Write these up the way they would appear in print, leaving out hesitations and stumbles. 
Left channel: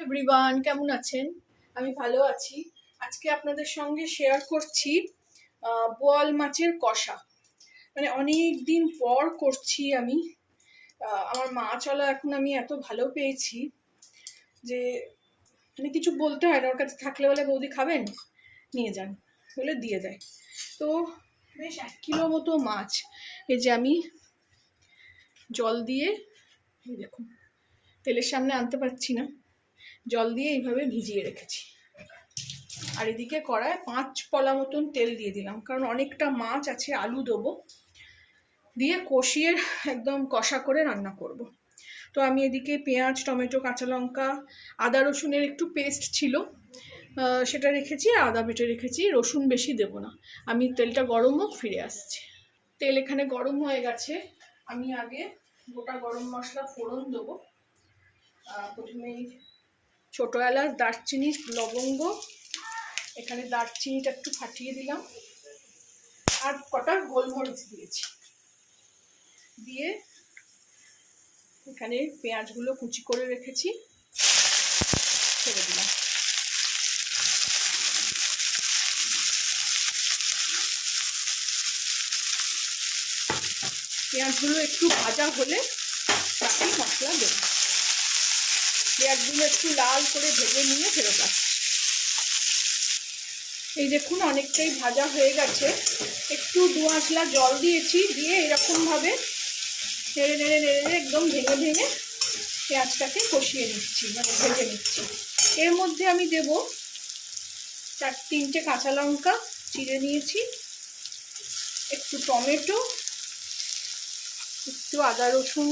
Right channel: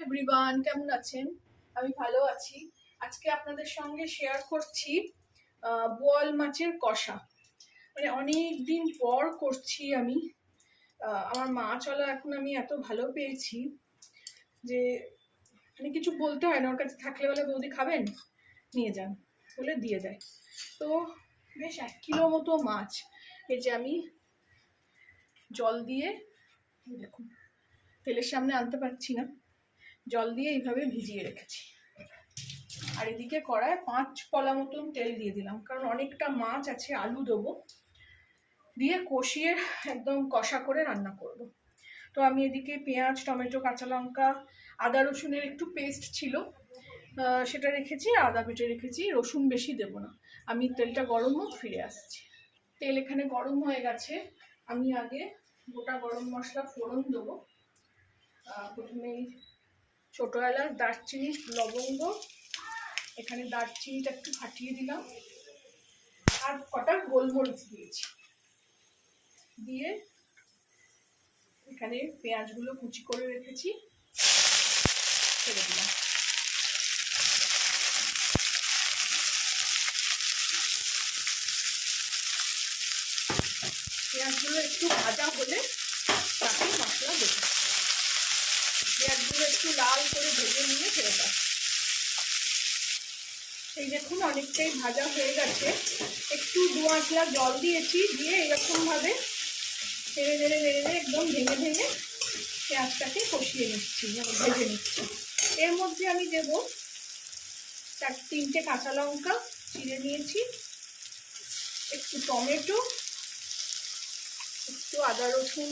Everyone, কেমন আছেন? আমি ভালো আছি। আজকে আপনাদের সঙ্গে শেয়ার করছি বোয়াল মাছের কষা। মানে অনেক দিন পর করছি আমি। আমার মাছওয়ালা এখন আমি এত ভালো পেয়েছি যে মানে কিছু বলতে হয় না, ওর কাছে থাকলে বলে বৌদি খাবেন, নিয়ে যান বলে দিয়ে দেয়। তো বেশ 1 কিলো মতো মাছ এই যে আমি জল দিয়ে, দেখুন তেলের সামনে আনতে পারছি না, জল দিয়ে এইভাবে ভিজিয়ে রেখেছি। আর এদিকে কড়ায় 5 পলা মতন তেল দিয়ে দিলাম, কারণ অনেকটা মাছ আছে, আলু দেবো, দিয়ে কষিয়ে একদম কষা করে রান্না করব। তো আমি এদিকে পেঁয়াজ, টমেটো, কাঁচা লঙ্কা, আদা রসুনের একটু পেস্ট ছিল, সেটা রেখেছি, আদা বেটে রেখেছি। রসুন বেশি দেব না। আমি তেলটা গরম হোক, ফিরে আসছি। তেল এখানে গরম হয়ে গেছে। আমি আগে গোটা গরম মশলা ফোড়ন দেবো। প্রথমেই ছোটো এলাচ, দারচিনি, লবঙ্গ, এখানে দারচিনিটা একটু ফাটিয়ে দিলাম, আর কটা গোলমরিচ দিয়েছি। দিয়ে এখানে পেঁয়াজগুলো কুচি করে রেখেছি, ছেড়ে দিলাম। পেঁয়াজগুলো একটু ভাজা হলে তাতে মশলা দেবো। পেঁয়াজগুলো একটু লাল করে ভেজে নিয়ে ফেরত আসি। এই দেখুন অনেকটাই ভাজা হয়ে গেছে। একটু 2 আঁচলা জল দিয়েছি, দিয়ে এরকমভাবে নেড়ে নেড়ে নেড়ে নেড়ে একদম ভেঙে ভেঙে পেঁয়াজটাকে কষিয়ে নিচ্ছি, মানে ভেজে নিচ্ছি। এর মধ্যে আমি দেব 4-3টে কাঁচা লঙ্কা চিড়ে নিয়েছি, একটু টমেটো, একটু আদা রসুন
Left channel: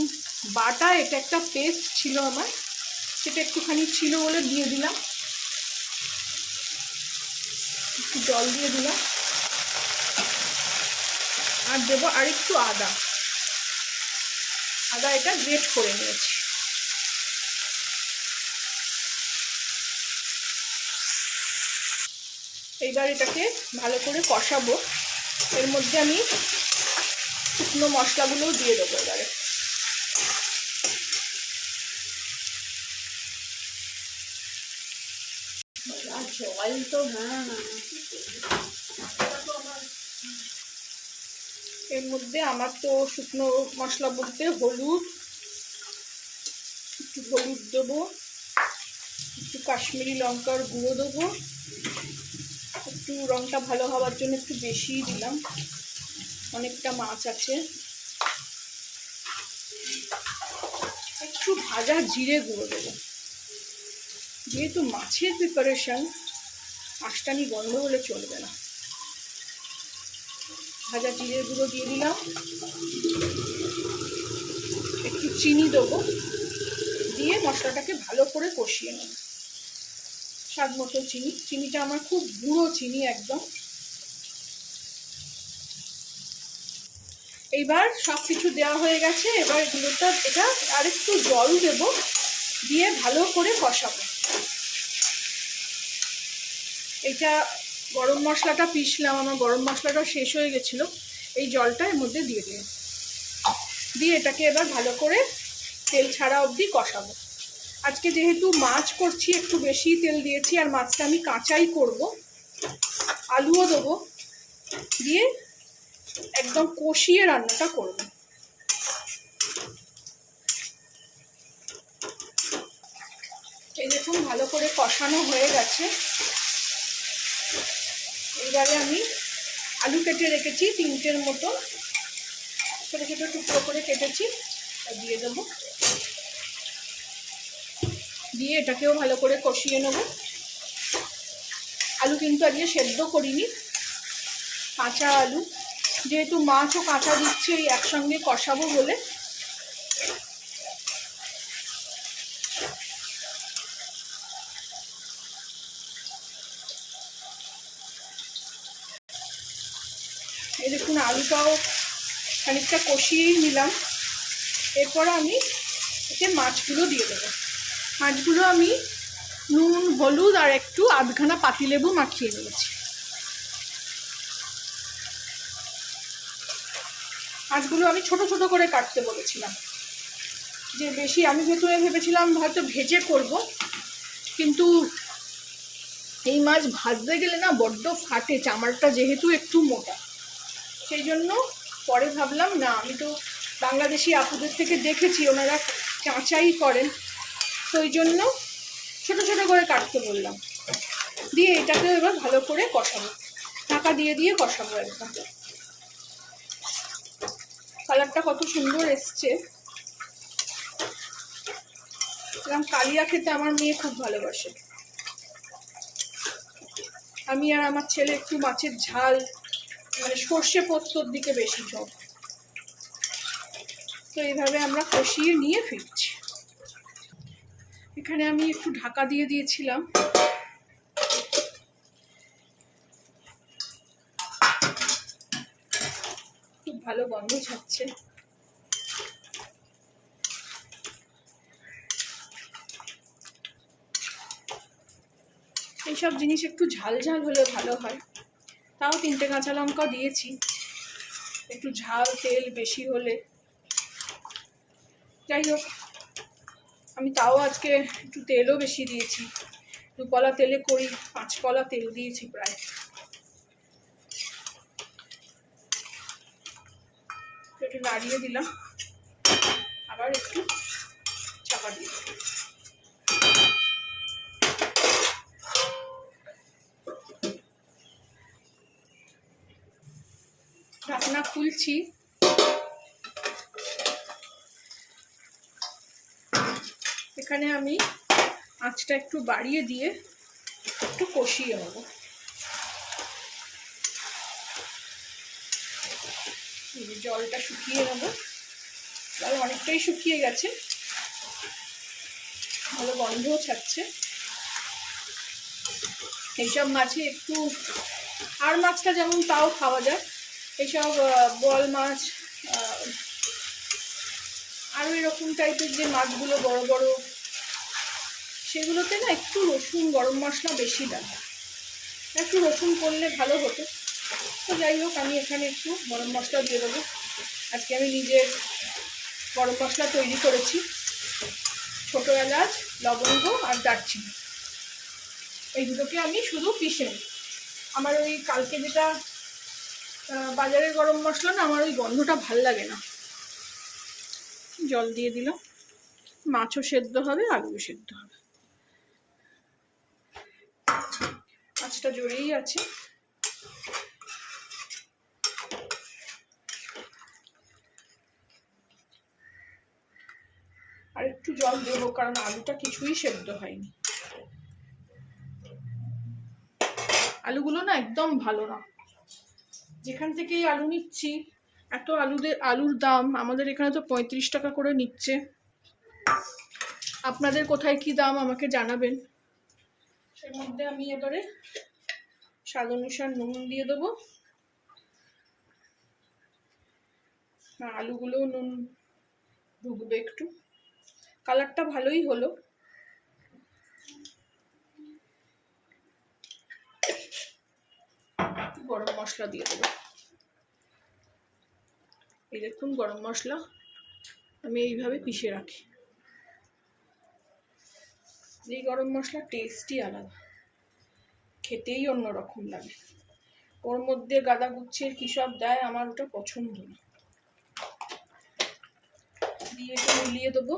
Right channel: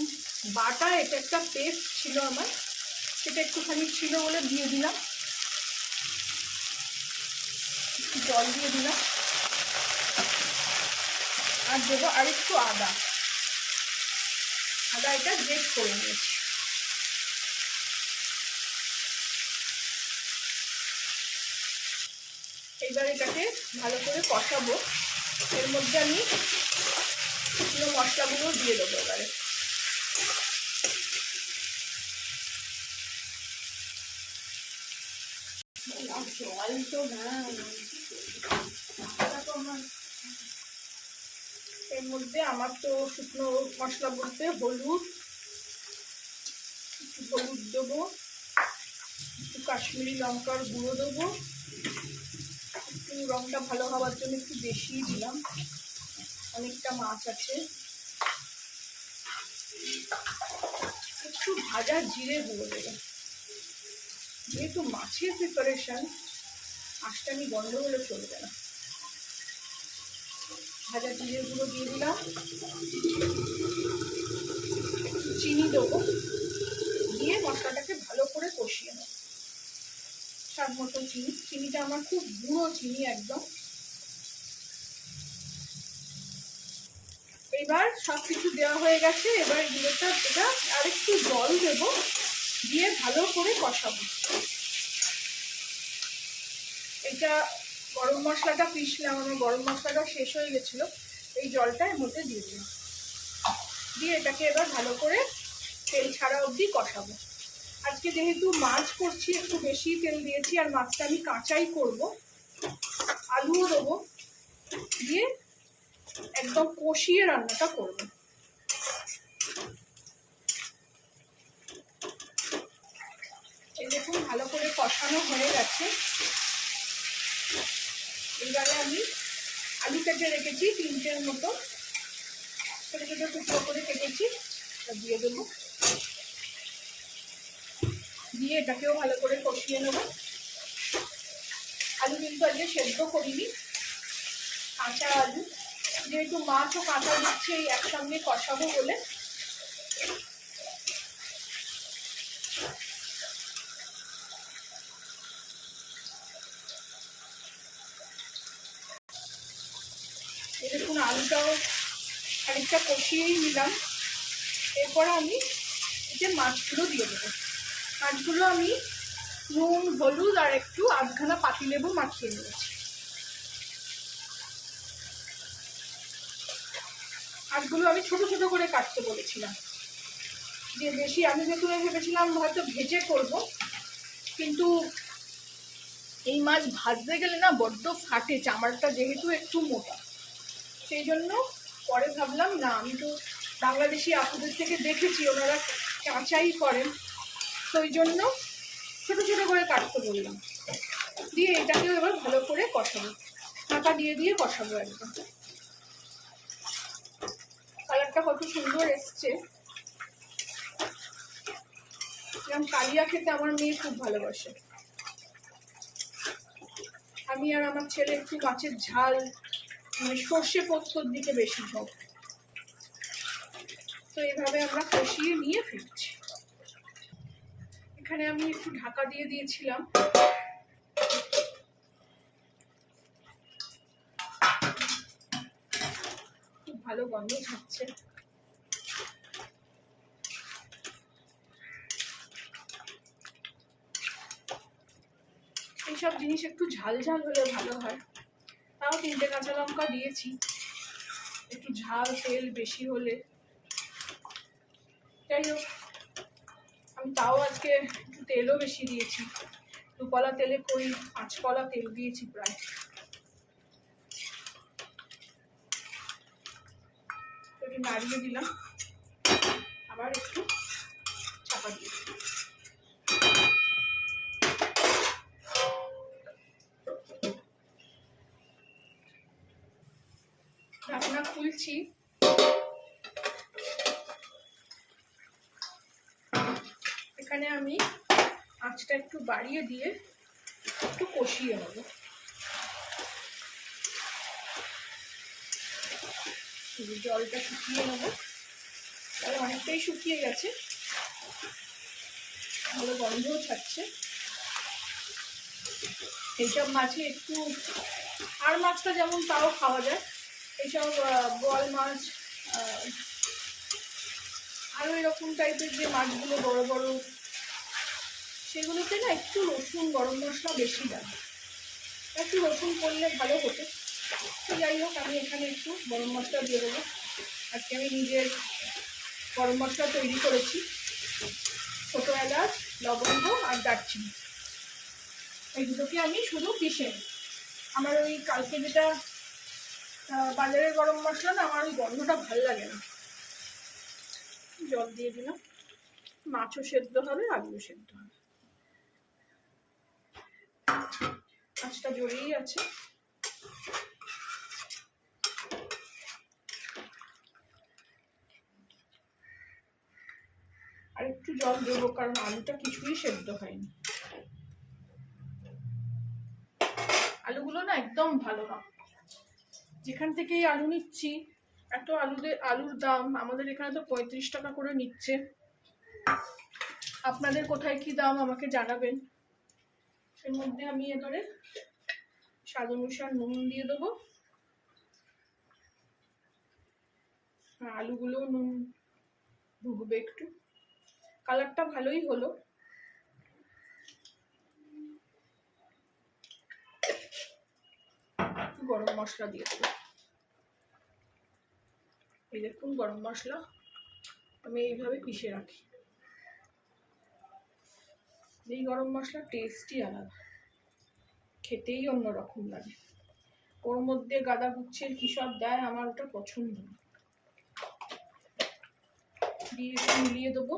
বাটা, এটা একটা পেস্ট ছিল আমার, সেটা একটুখানি ছিল বলে দিয়ে দিলাম। একটু জল দিয়ে দিলাম, আর দেবো আরেকটু আদা। এটা গ্রেট করে নিয়েছি। এইবার এটাকে ভালো করে কষাবো। এর মধ্যে আমি শুকনো মশলাগুলো দিয়ে দেবো এবারে। জল তো এর মধ্যে আমার তো শুকনো মশলা বলতে হলুদ, একটু হলুদ দেবো, একটু কাশ্মীরি লঙ্কার গুঁড়ো দেবো, একটু রংটা ভালো হওয়ার জন্য একটু বেশিই দিলাম, অনেকটা মাছ আছে। একটু ভাজা জিরে গুঁড়ো দেবো, যেহেতু মাছের প্রিপারেশন, আঁশটানি গন্ধ হলে চলবে না। ভাজা জিরে গুঁড়ো দিয়ে দিলাম, একটু চিনি দেবো, দিয়ে মশলাটাকে ভালো করে কষিয়ে নেব। স্বাদ মতো চিনি, চিনিটা আমার খুব গুঁড়ো চিনি একদম। এইবার সব কিছু দেওয়া হয়ে গেছে, এবার এটা আর একটু জল দেব, দিয়ে ভালো করে কষাবো। এটা গরম মশলাটা পিষলাম, আমার গরম মশলাটা শেষ হয়ে গেছিলো, এই জলটা এর মধ্যে দিয়ে দিলাম, দিয়ে এটাকে এবার ভালো করে তেল ছাড়া অবধি কষাবো। আজকে যেহেতু মাছ করছি একটু বেশি তেল দিয়েছি, আর মাছটা আমি কাঁচাই করব, আলুও দেবো, দিয়ে একদম কষিয়ে রান্নাটা করব। এই দেখুন ভালো করে কষানো হয়ে গেছে। এবারে আমি আলু কেটে রেখেছি 3টের মতো, ছোটো ছোটো টুকরো করে কেটেছি, দিয়ে দেবো, দিয়ে এটাকেও ভালো করে কষিয়ে নেব। আলু কিন্তু আজকে সেদ্ধ করিনি, কাঁচা আলু, যেহেতু মাছও কাঁচা দিচ্ছে একসঙ্গে কষাবো বলে। এই দেখুন আলুটাও খানিকটা কষিয়েই নিলাম। এরপরে আমি এতে মাছগুলো দিয়ে দেবো। মাছগুলো আমি নুন, হলুদ আর একটু আধখানা পাতিলেবু মাখিয়ে নিয়েছি। মাছগুলো আমি ছোট ছোট করে কাটতে বলেছিলাম, যে বেশি আমি যেহেতু ভেবেছিলাম হয়তো ভেজে করব, কিন্তু এই মাছ ভাজতে গেলে না বড্ড ফাটে, চামড়াটা যেহেতু একটু মোটা, সেই জন্য পরে ভাবলাম না, আমি তো বাংলাদেশি আপুদের থেকে দেখেছি ওনারা কাঁচাই করেন, তো ওই জন্য ছোটো ছোটো করে কাটতে বললাম। দিয়ে এটাকেও এবার ভালো করে কষাবো, ঢাকা দিয়ে দিয়ে কষাবো একদম। কালারটা কত সুন্দর এসছে। এরকম কালিয়া খেতে আমার মেয়ে খুব ভালোবাসে। আমি আর আমার ছেলে একটু মাছের ঝাল, মানে সর্ষে পোস্তর দিকে বেশি ঝোঁক। তো এইভাবে আমরা কষিয়ে নিয়ে ফিরছি। এখানে আমি একটু ঢাকা দিয়ে দিয়েছিলাম। খুব ভালো গন্ধ ছাড়ছে। এইসব জিনিস একটু ঝাল ঝাল হলে ভালো হয়। তাও 3টে কাঁচা লঙ্কা দিয়েছি, একটু ঝাল তেল বেশি হলে। যাই হোক, আমি তাও আজকে একটু তেলও বেশি দিয়েছি, 2 কলা তেলে করি, 5 কলা তেল দিয়েছি প্রায়। একটু নাড়িয়ে দিলাম, আবার একটু চাপা দিয়ে দিলাম। ঢাকনা খুলছি। এখানে আমি আঁচটা একটু বাড়িয়ে দিয়ে একটু কষিয়ে নেব। জলটা শুকিয়ে নেব, জল অনেকটাই শুকিয়ে গেছে, ভালো গন্ধও ছাড়ছে। এইসব মাছে একটু, আর মাছটা যেমন তাও খাওয়া যায়, এইসব বল মাছ, আরও এরকম টাইপের যে মাছগুলো বড় বড়, সেগুলোতে না একটু রসুন গরম মশলা বেশি লাগে, একটু রসুন করলে ভালো হতো। তো যাই হোক, আমি এখানে একটু গরম মশলা দিয়ে দেবো। আজকে আমি নিজের গরম মশলা তৈরি করেছি, ছোটো এলাচ, লবঙ্গ আর দারচিনি, এই দুটোকে আমি শুধু পিষে নিই। আমার ওই কালকে যেটা বাজারের গরম মশলা না, আমার ওই গন্ধটা ভাল লাগে না। জল দিয়ে দিলাম, মাছও সেদ্ধ হবে, আলুও সেদ্ধ হবে। মাছটা জড়িয়েই আছে। আর একটু জল দেবো, কারণ আলুটা কিছুই সেদ্ধ হয়নি। আলুগুলো না একদম ভালো না। যেখান থেকেই আলু নিচ্ছি, এত আলুর দাম, আমাদের এখানে তো 35 টাকা করে নিচ্ছে। আপনাদের কোথায় কি দাম আমাকে জানাবেন। এর মধ্যে আমি এবারে স্বাদ অনুসার নুন দিয়ে দেবো। আলুগুলো নুন ঢুকবে একটু। কালারটা ভালোই হলো। গরম মশলা দিয়ে দেবো। এই দেখুন, গরম মশলা আমি এইভাবে পিষে রাখি। এই গরম মশলা টেস্টই আলাদা, খেতেই অন্যরকম লাগে। ওর মধ্যে গাদা গুচ্ছের কী সব দেয়, আমার ওটা পছন্দ না। দিয়ে একটু মিলিয়ে দেবো,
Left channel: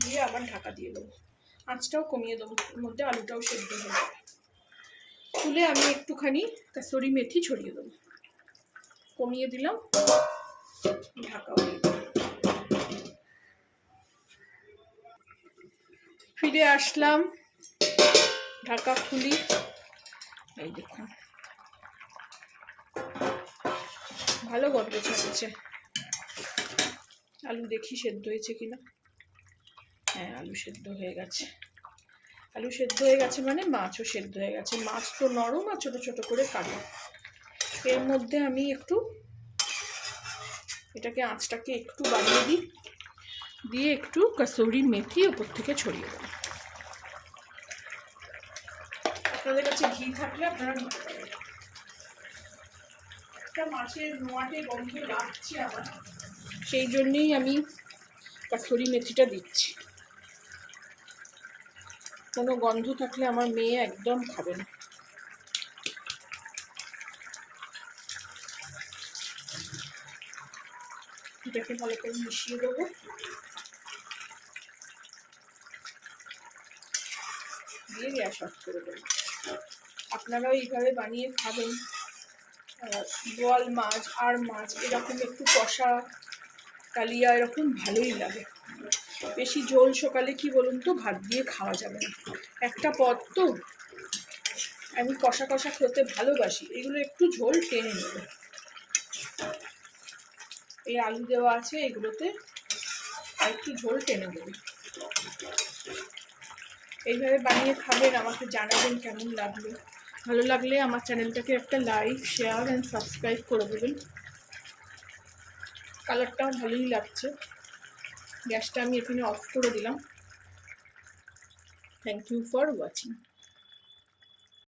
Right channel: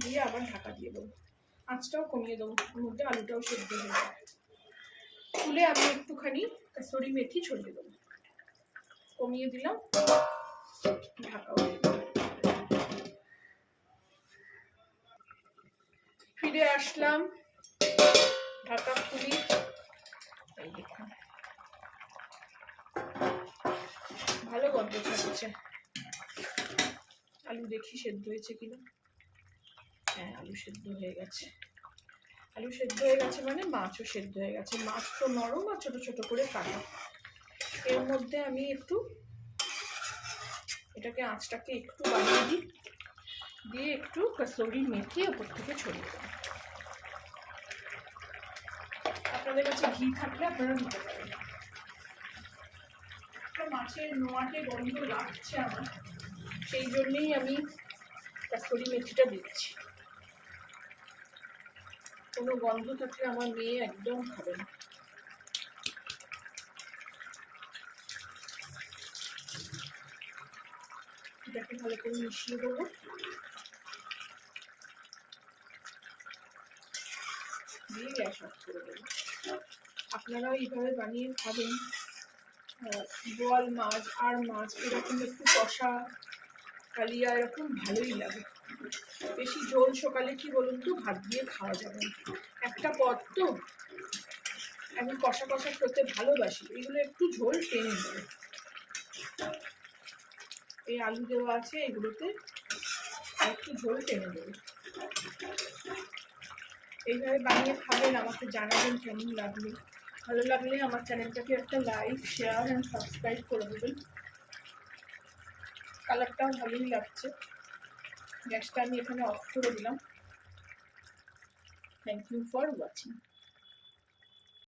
দিয়ে আবার ঢাকা দিয়ে দেবো। আঁচটাও কমিয়ে দেবো, ওর মধ্যে আলুটাও সেদ্ধ হয়ে যাবে। তুলে আমি একটুখানি কাসুরি মেথি ছড়িয়ে দেবো। কমিয়ে দিলাম, ঢাকাও দিয়ে দিলাম। ফিরে আসলাম, ঢাকা খুলি। এই দেখুন, ভালো গন্ধ ছাড়ছে। আলু দেখি সেদ্ধ হয়েছে কিনা। হ্যাঁ, আলু সেদ্ধ হয়ে গেছে। আলু সেদ্ধ হয়ে গেছে মানে মাছও সেদ্ধ হয়ে গেছে। মাছ তো নরম আর ছোটো ছোটো করে কাটা। এর মধ্যে আমি একটু এটাকে, আঁচটাকে একটু বাড়িয়ে দিই, দিয়ে একটু কাসুরি মেথি ওপর থেকে ছড়িয়ে দেবো। আপনাদের কাছে ঘি থাকলে আপনারা নিতে পারেন। একটা মাছের নোয়াটে গন্ধ লাগছে আমার, সেই জন্যই আমি কাসুরি মেথিটা দিচ্ছি। কোনো গন্ধ থাকলে আমার মেয়ে একদম খাবে না। এটাকে ভালো করে মিশিয়ে দেবো। দিয়ে গ্যাস অফ করে দেবো। আপনারাও এইভাবে বানিয়ে খাবেন। বোয়াল মাছ আর মাছ এরকম একটু কষা কালিয়া এরকম ভালোই লাগে। বেশি ঝোল সকালে কি বলুন তো ভাত দিয়ে খাওয়া যাবে না, একটা পদ তো। আমি কষা কষা খেতে ভালোবাসি, এগুলো একটু ঝোল টেনে নেবে। এই আলু দেওয়া আছে এগুলোতে, আর একটু ঝোল টেনে দেবে। এইভাবে বানিয়ে খাবেন, আমাকে জানাবেন কেমন লাগলো। ভালো লাগলে আমার চ্যানেলটাকে একটা লাইক, শেয়ার অ্যান্ড সাবস্ক্রাইব করে দেবেন। কালারটাও ভালোই লাগছে। গ্যাসটা আমি এখানে অফ করে দিলাম। Thank you for watching.